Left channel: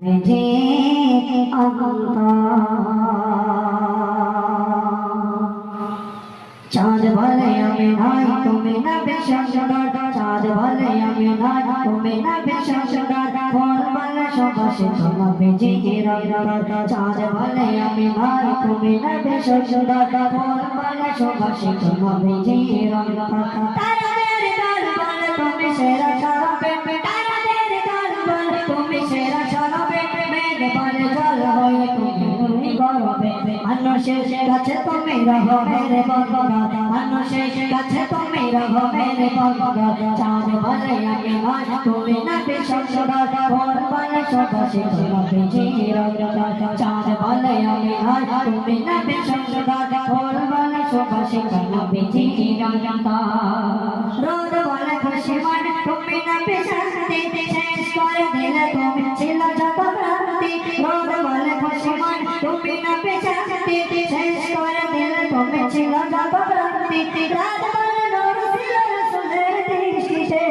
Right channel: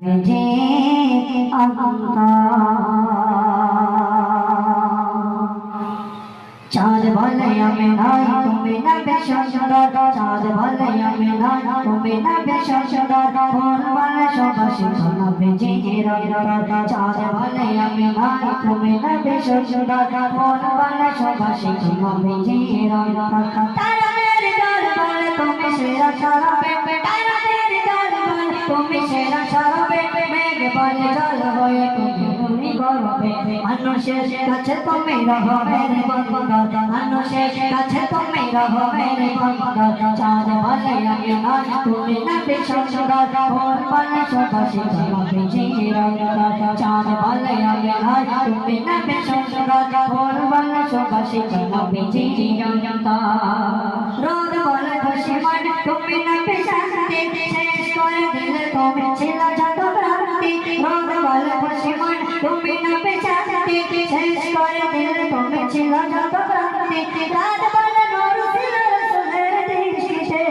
যে চাঁদ বলে আমি নাই তুমি না বেশন সুন্দর চাঁদ বলে আমি নাই তুমি না বেশন সুন্দর ফোন বলে সুবাসে কোনো বেজে চাঁদ বলে আমি নাই তুমি না বেশন সুন্দর ফোন বলে সুবাসে কোনো বেজে তারাদের গান বলে তুমি সেরা সরবে তারাদের গান বলে তুমি সেরা সরবে মেঘ বলে জল হয়ে তুমি গরবে মানুষের কাছে তুমি রহো মেরে বন্ধা মানুষের কাছে তুমি রহো মেরে বন্ধা চাঁদ বলে আমি নাই তুমি না বেশন সুন্দর ফোন বলে সুবাসে কোনো বেজে চাঁদ বলে আমি নাই তুমি না বেশন সুন্দর ফোন বলে সুবাসে কোনো বেজে রোদ বলে খুশি মন তুমি না বেশান্তি শেষ করে দিলে তুমি ছিল যত ভ্রান্তি রোদ বলে খুশি মন তুমি না বেশান্তি শেষ করে দিলে তুমি ছিল যত ভ্রান্তি রাত বলে নূর ছিল রসুলের দৃষ্টিতে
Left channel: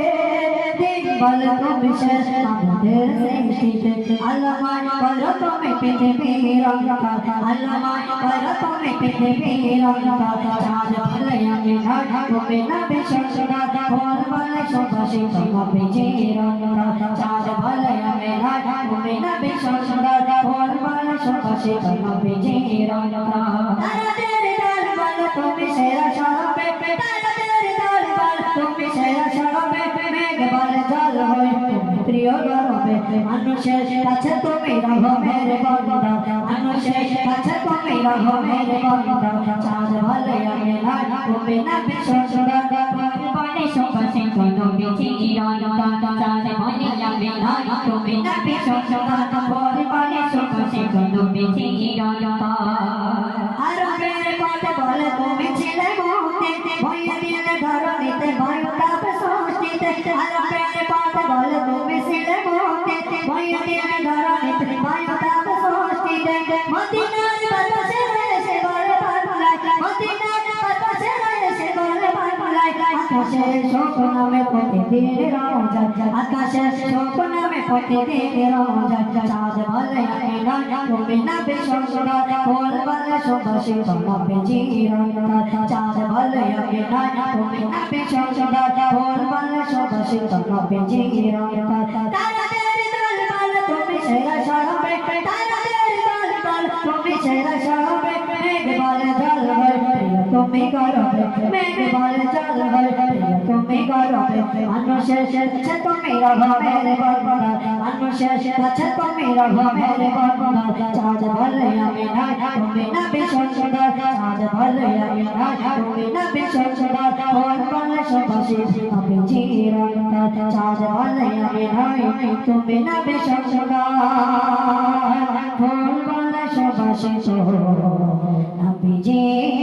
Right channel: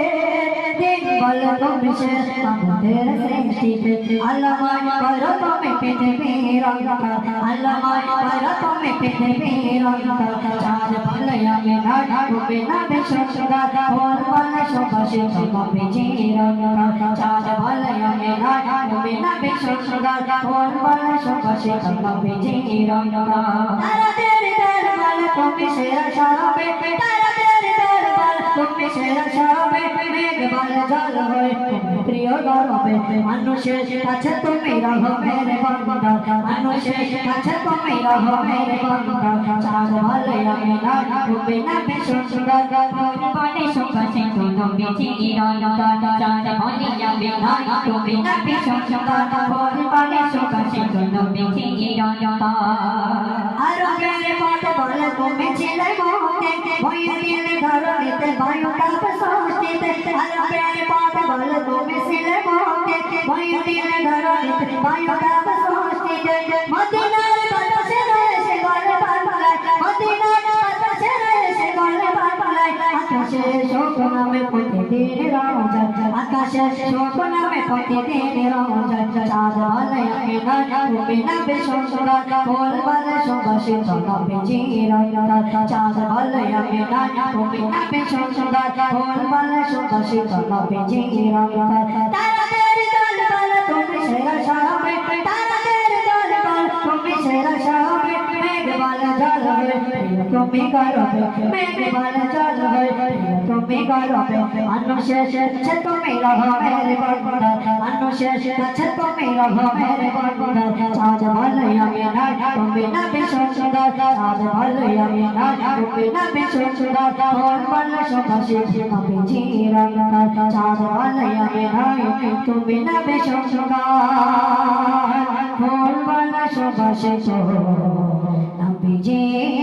দিন বলে তুমি শেষ আমাদের সৃষ্টিতে আল্লামায় করো তুমি পৃথিবীর অন্ধকার আল্লামায় করো তুমি পৃথিবীর অন্ধকার চাঁদ বলে আমি নাই তুমি না বেশন সুন্দর ফোন বলে সুবাসে কোনো বেজে চাঁদ বলে আমি নাই তুমি না বেশন সুন্দর ফোন বলে সুবাসে কোনো বেজে তারাদের দল বলে তুমি সেরা সরবে তারাদের দল বলে তুমি সেরা সরবে মেঘ বলে জল হয়ে তুমি প্রিয় গরবে মানুষের কাছে তুমি রহো মেরে বন্ধা মানুষের কাছে তুমি রহো মেরে বন্ধা চাঁদ বলে আমি নাই তুমি না বেশন সুন্দর বলে সুবাসে কোনো বেজে চাঁদ বলে আমি নাই তুমি না বেশন সুন্দর বলে সুবাসে কোনো বেজে আরবের পথ বলে তুমি ছিলে মুক্তি ভয়ে দিলে ধরণীতে বায়ু তাপ সৃষ্টিতে আরবের পথ বলে তুমি ছিলে মুক্তি ভয়ে দিলে ধরণীতে বায়ু তাপ সৃষ্টিতে মদিনার বাতাসে রয়েছে বলে পাগলায় মদিনার বাতাসে রয়েছে বলে পাগলায় আকাশে শোক নামে প্রতিদিন রোজা আকাশে শোক নামে প্রতিদিন রোজা চাঁদ বলে আমি নাই তুমি না বেশন সুন্দর ফোন বলে সুবাসে কোনো বেজে চাঁদ বলে আমি নাই তুমি না বেশন সুন্দর ফোন বলে সুবাসে কোনো বেজে তারাদের দল বলে তুমি সেরা সরবে তারাদের দল বলে তুমি সেরা সরবে মেঘ বলে জল হয়ে তুমি গরবে মেঘ বলে জল হয়ে তুমি গরবে মানুষের কাছে তুমি রহো মেরে বন্ধা মানুষের কাছে তুমি রহো মেরে বন্ধা চাঁদ বলে আমি নাই তুমি না বেশন সুন্দর চাঁদ বলে আমি নাই তুমি না বেশন সুন্দর ফোন বলে সুবাসে কোনো বেজে চাঁদ বলে আমি নাই তুমি না বেশন সুন্দর ফোন বলে সুবাসে কোনো বেজে